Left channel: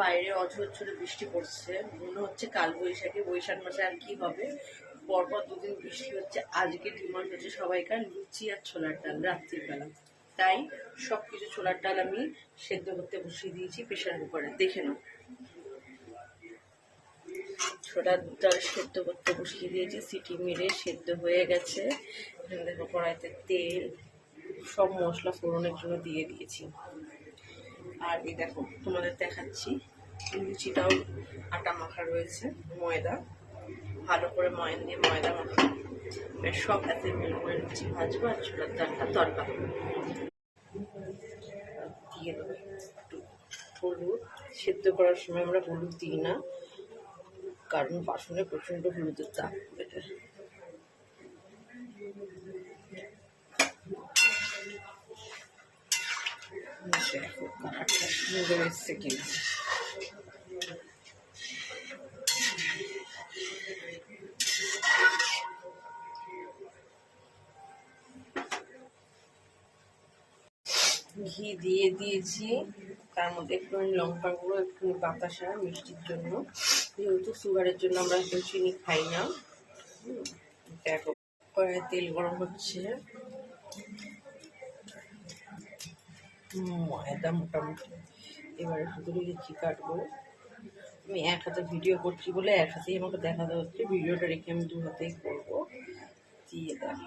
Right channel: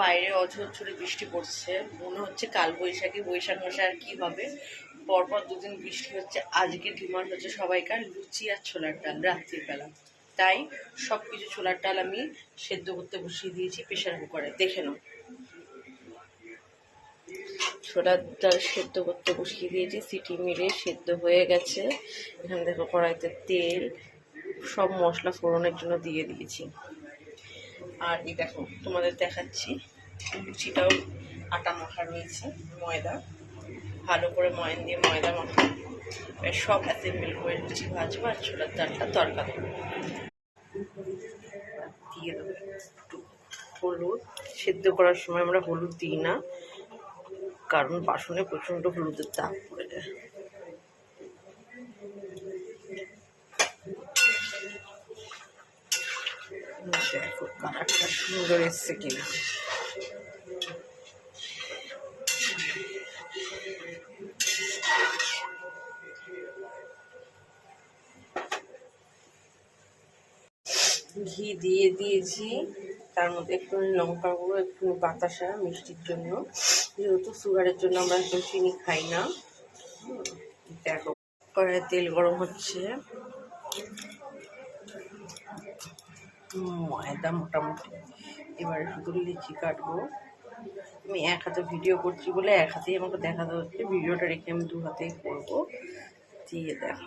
বাইরে অঝরঝরে বৃষ্টি পড়ছে, মনে হচ্ছে কাল বৈশাখী, বৈশাখ মাসে আর কি হবে। পরপর দুদিন বৃষ্টি হচ্ছে। আজকে ডিমান্ড হচ্ছে সবাইকার লুচি আর ছোলার ডাল রাত্রির বেলা। তাই সবকিছু ছোলার ডাল আমি সেদ্ধ করতে বসিয়ে দিয়েছি প্রেশার কুকারে। দেখে নাও, ছোলার ডাল সেদ্ধ করতে বসিয়ে দিয়েছি, সিটি মেরে সেদ্ধ হয়ে গেছে। এখানে দেখো কড়াইতে তেল, সব মশলা ফোড়নের জন্য দিয়ে দিয়েছি। আর এই দেখো তোমাদের দেখাচ্ছি, লুচিটাও আটা মাখা রয়েছে, ময়দা ভালো করে ময়ান দিয়ে ময়দা মাখা। সব অ্যাসেম্বল করে লুচি ভাজবো আর ছোলার ডালটা তরকা দেবো। দিয়ে দেবো একটু হলুদ। সেদ্ধ করার সময় আমরা হলুদ দিই না, কারণ বাসনে প্রচণ্ড হলুদের দাগ পড়ে যায়। দেখো কালারটা সুন্দর এসছে কিনা। ঘি দিয়ে দিয়েছি, তার মধ্যে একটু লঙ্কা গুঁড়ো, একটু বাতাসা মিষ্টির জন্য, যেহেতু সুগারের জন্য আমরা একটু চিনি খাই না। দেখো কড়াইয়ে তেল গরম হচ্ছে, ময়দা মোটামুটি। এবারে শুধু লিচি কাটবো। আমি এক হাতে ভিডিও করছি বলে এক হাতেই আমাকে দেখাতে হচ্ছে, ভিডিওটা রেখে আমি দু হাতেই করবো। দিয়ে দেখো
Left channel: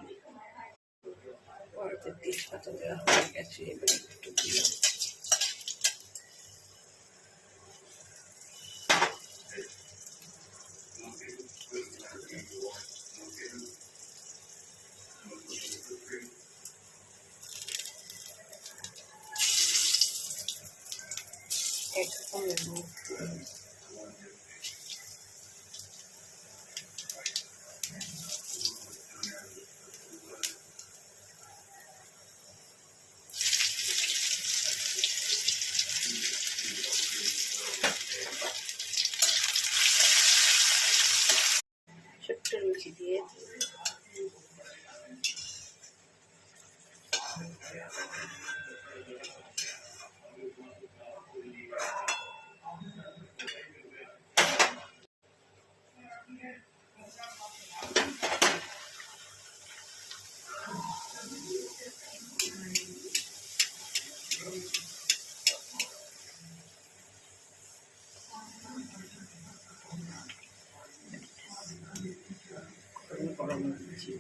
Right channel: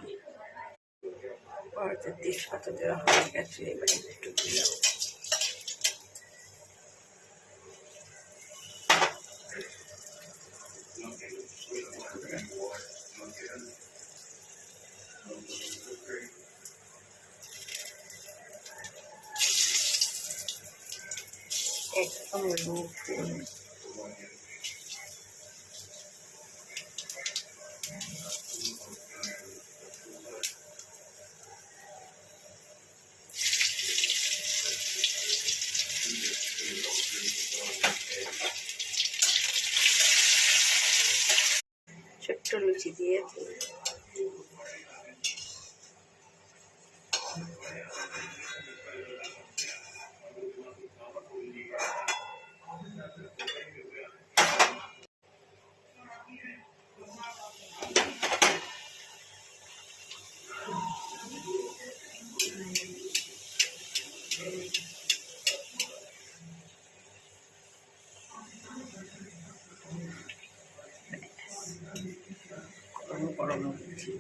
কড়াইতে তেজপাতা দেওয়া হয়ে গেছে, এবারে একটু দিলাম। একদম ছোট্ট লুচি দিয়ে গরম গরম লুচি